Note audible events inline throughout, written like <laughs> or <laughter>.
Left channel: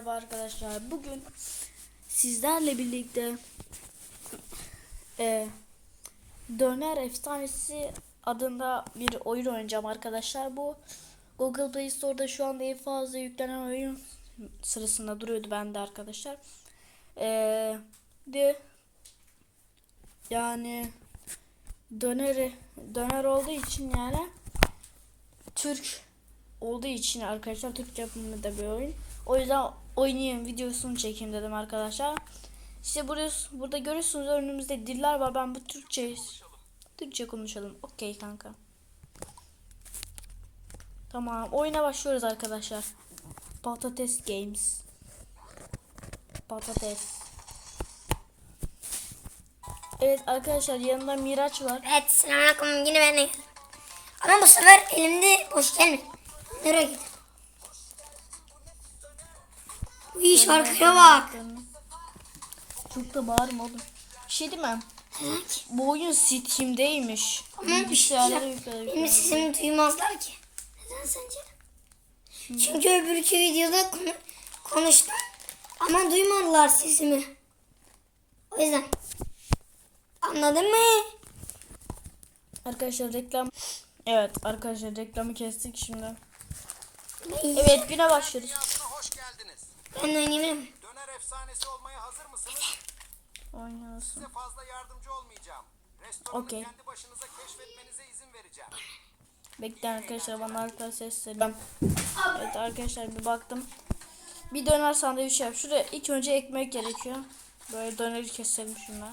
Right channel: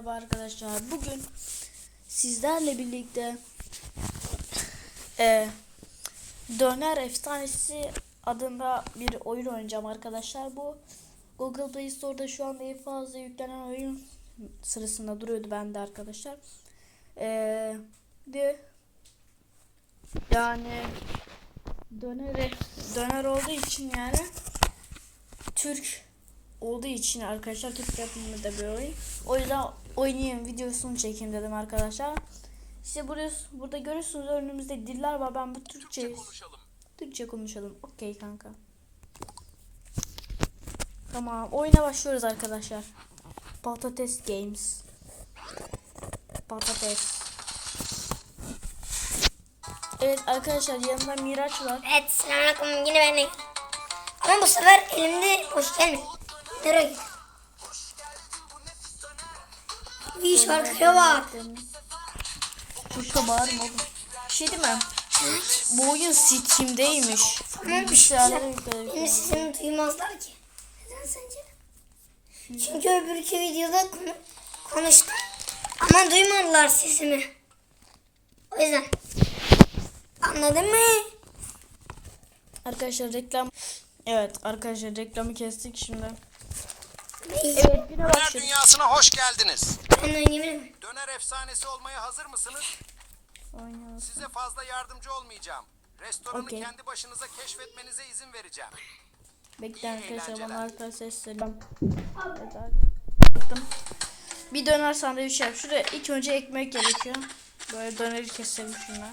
merhaba arkadaşlar. Bugün sizlerle birlikte e, Döner Efsanesi adında bir oyun oynayacağım arkadaşlar. Bu Google Play Store'da şu anda en fazla yüklenen oyun sırasında duruyordu bende arkadaşlar. E, de yani döneri döner olduğu için yani Türk olduğu için arkadaşlar Türk yapımında bir oyun. O yüzden oynayayım videosunu çekeyim dedim arkadaşlar. İşte burada, burada görüyorsunuz önümüzde diller var. Ben bu Türkçe Türkçe konuşalım. Okey kanka. Tamam. Oyuna başlıyoruz arkadaşlar. Patates Games. Patates. Evet arkadaşlar yanında Miraç var. Evet selamünaleyküm yine ben de. Ama bu sefer elimde hoş gelme. Nereye git? İyi şarkıya bak. Çok da bağırma oğlum. Bir şey değil mi? Bu oyun Steam'deymiş. Tamam, ya. yükledik. Benim sesimi duymazlar ki. Neden sence? Çünkü öbürkü videoda konu konuştum. Ama duymadılar sesimi. O yüzden. Anladın mı? Arkadaşlar reklam. Evet arkadaşlar reklamı kestik şimdi. Evet güne başlıyoruz. dünyasına hoş geldiniz. miyim? Döner efsanesi olmaya hazır mısınız? Oynuyorsun. Size fazla yardımcı olmayacağım. Restoranı Okey. kendi başınıza keşfetmenize izin vereceğim. Bekleyin arkadaşlar bana arka sesleri. Evet arkadaşlar bir baktım. Bir döner sandviç yap. Şuraya ilk önce ekmek gerekiyor. Böyle döneri keselim şunlar.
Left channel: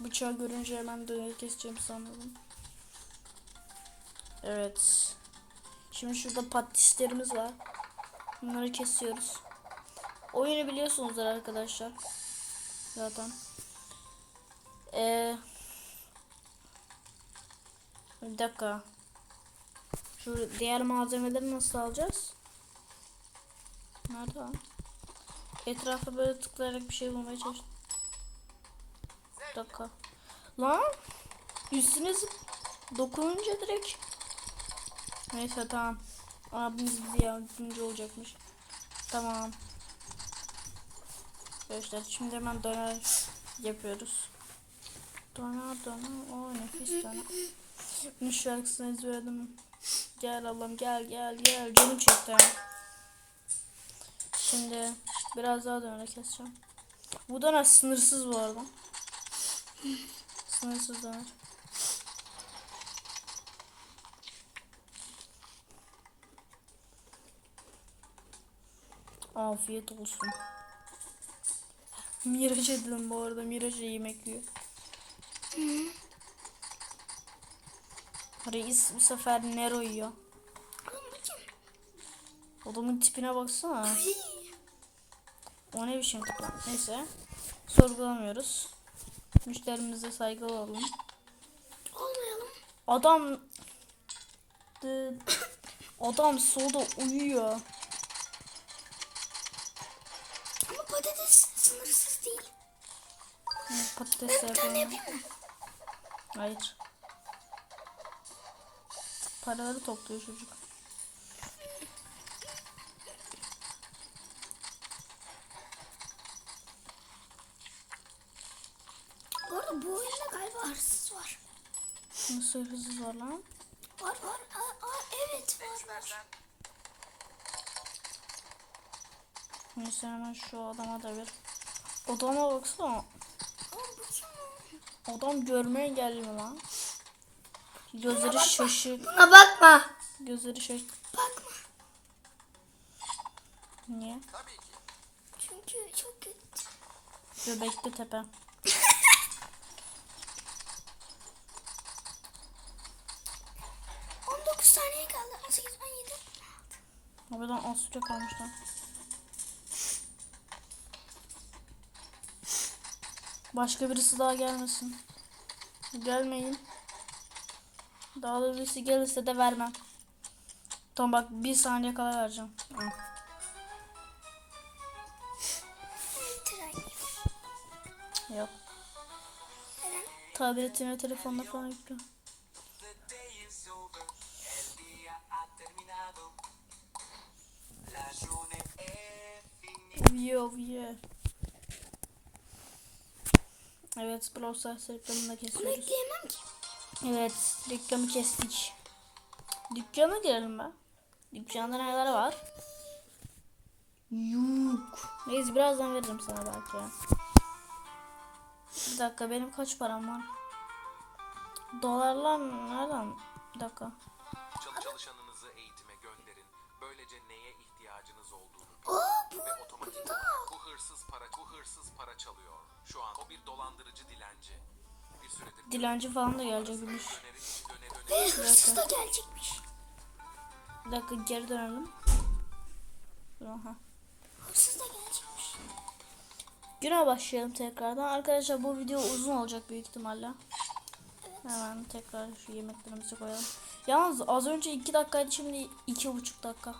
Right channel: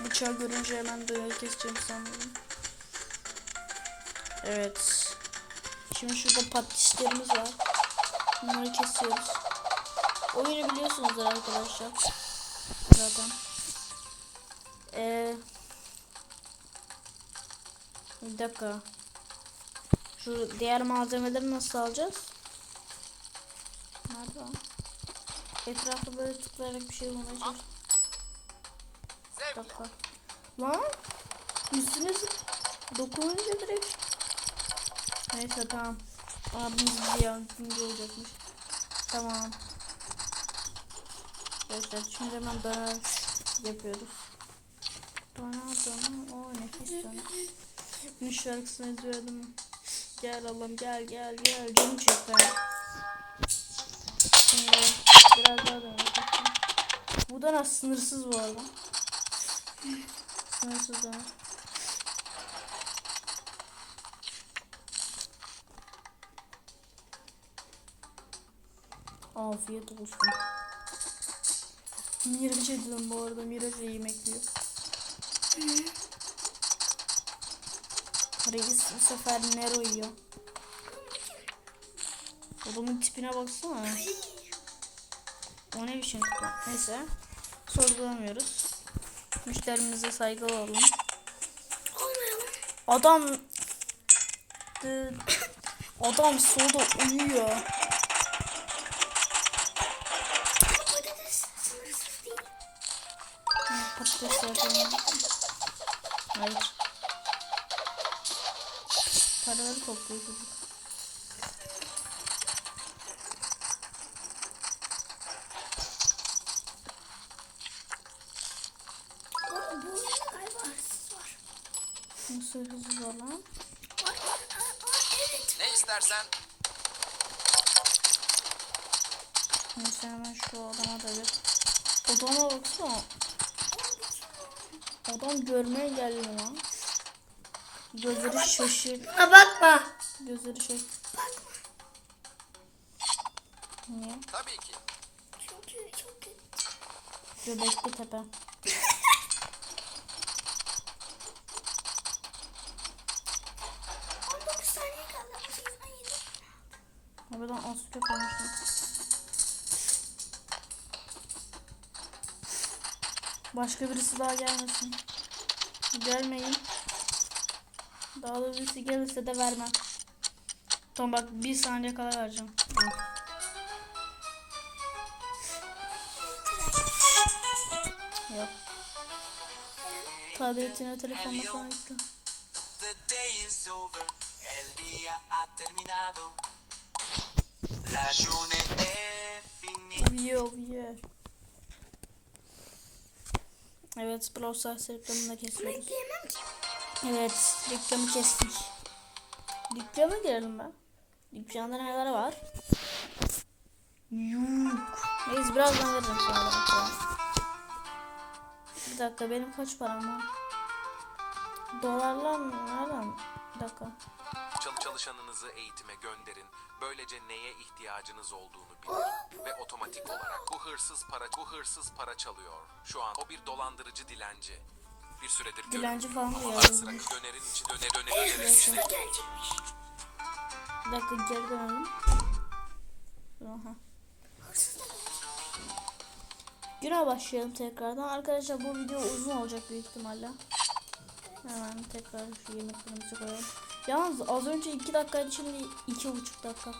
Bıçağı görünce hemen döneri keseceğim sanırım. Evet. Şimdi şurada patislerimiz var. Bunları kesiyoruz. Oyunu biliyorsunuzdur arkadaşlar. Zaten. Ee, bir dakika. Şu diğer malzemeleri nasıl alacağız? Nerede lan? Etrafta böyle tıklayarak bir şey bulmaya çalış. Bir dakika. Lan üstüne zıp- dokununca direkt. Neyse tamam. Abimiz bize yardımcı olacakmış. Tamam. Arkadaşlar şimdi hemen döner yapıyoruz. Döner döner. O nefis döner. Bunun şarkısını ezberledim. Gel Allah'ım gel gel gel. Canım çekti. Şimdi biraz daha döner. Bu döner sınırsız bu arada. Sınırsız döner. Afiyet olsun. Miraç dedim bu arada. Miraç yemek yiyor. Reis bu sefer Nero yiyor. Adamın tipine baksana. O ne biçim tip? Neyse. Sorgulamıyoruz. Müşterimize saygılı olalım. Olmayalım. Adam Adam solda uyuyor. De yapalım. Hayır. Paraları topluyor çocuk. Bu, bu oyunda galiba hırsız var. Nasıl hızlı var lan? Var var. Aa, aa, evet. Ne istersen Neyse hemen şu adama da bir. Adama baksana. Adam görmeye geliyor lan. Gözleri şaşır. Buna bakma. Gözleri şaşır. Bakma. Niye? tabii ki. Çünkü çok kötü. Göbekli tepe. <laughs> On dokuz saniye Başka birisi daha gelmesin. Gelmeyin. Daha da birisi gelirse de vermem. Tamam bak bir saniye kala vereceğim. Yok. Tabletine telefonla falan yükle. The day Evet Brawl Stars reklamını da Bunu kesiyoruz. ekleyemem ki. Evet reklamı kestik. Dükkana girelim ben. Dükkanda neler var? Yok. Neyse birazdan veririm sana belki. Bir dakika benim kaç param var? Dolarlar nereden? Bir dakika. Çal- Çalışanınızı eğitime gönderin. Böylece neye ihtiyacınız olduğunu bilin. Ve otomatik olarak bu hırsız para bu hırsız para çalıyor. Şu an o bir dolandırıcı dilenci. Bir süredir görüyorum. Dilenci falan da Ara sıra bir dönerin içi döne döne gelecekmiş. Bir dakika geri dönelim. Aha. Hırsız da gelecekmiş. Güne başlayalım tekrardan. Arkadaşlar bu video uzun olacak büyük ihtimalle. Hemen tekrar şu yemeklerimizi koyalım. Yalnız az önce 2 dakikaydı şimdi 2,5 dakika.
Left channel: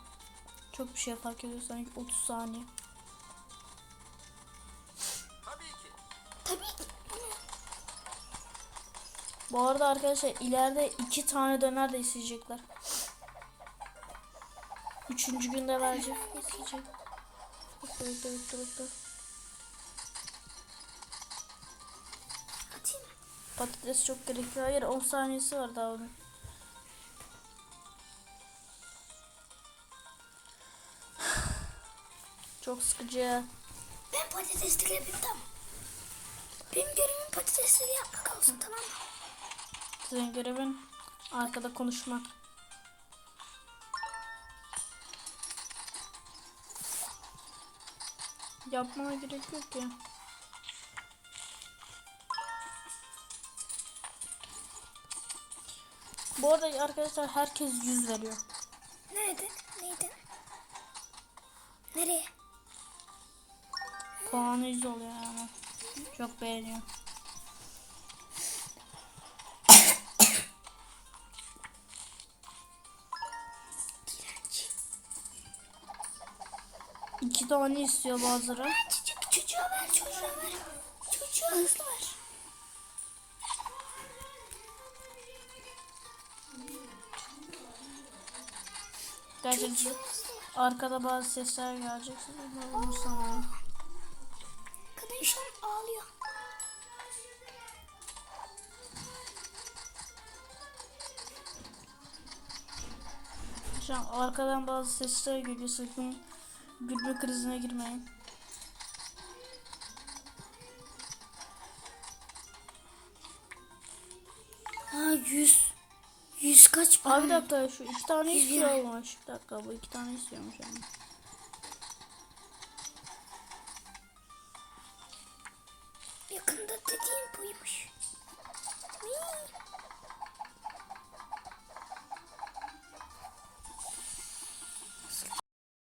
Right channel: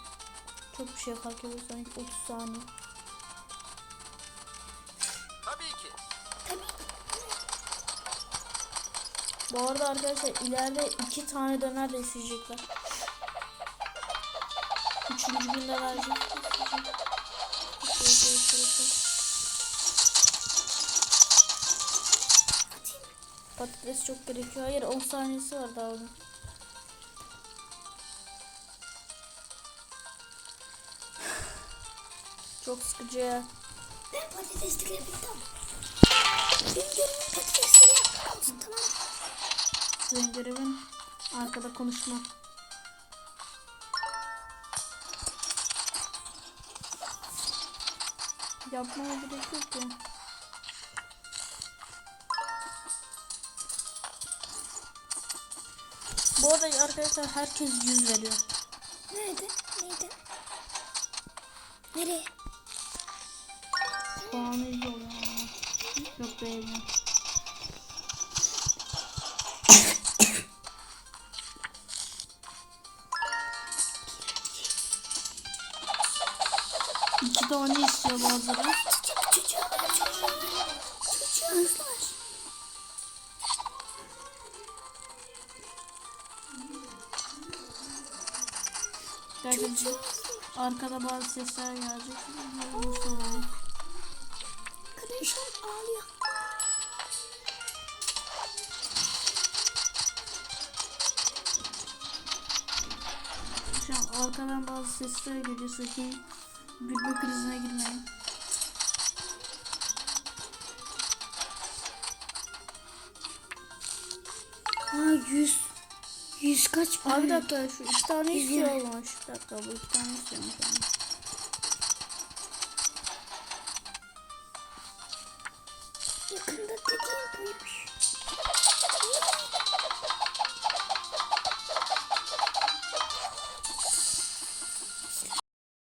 Çok bir şey fark ediyor sanki 30 saniye. Tabii ki. Bu arada arkadaşlar ileride iki tane döner de isteyecekler. Üçüncü günde verecek. isteyecek. Patates çok gerekiyor. Hayır 10 saniyesi var daha onun. Çok sıkıcı. Ben patatesleri bittim. Benim görevim patatesleri yapmak olsun tamam mı? Senin görevin arkada konuşmak. Yapmana gerek yok ya. Bu arada arkadaşlar herkes yüz veriyor. Nerede? Neydi? Nereye? Yüz oluyor yani. Çok beğeniyorum. İki tane istiyor bazıları. Arkada bazı sesler gelecek. Onu sonra. An ağlıyor. Şu an arkadan bazı sesler geliyor. Sakın gülme krizine girmeyin. Aa yüz. Yüz kaç Abi bir dakika şu iki tane istiyor olmuş. Bir dakika bu iki tane istiyormuş yani.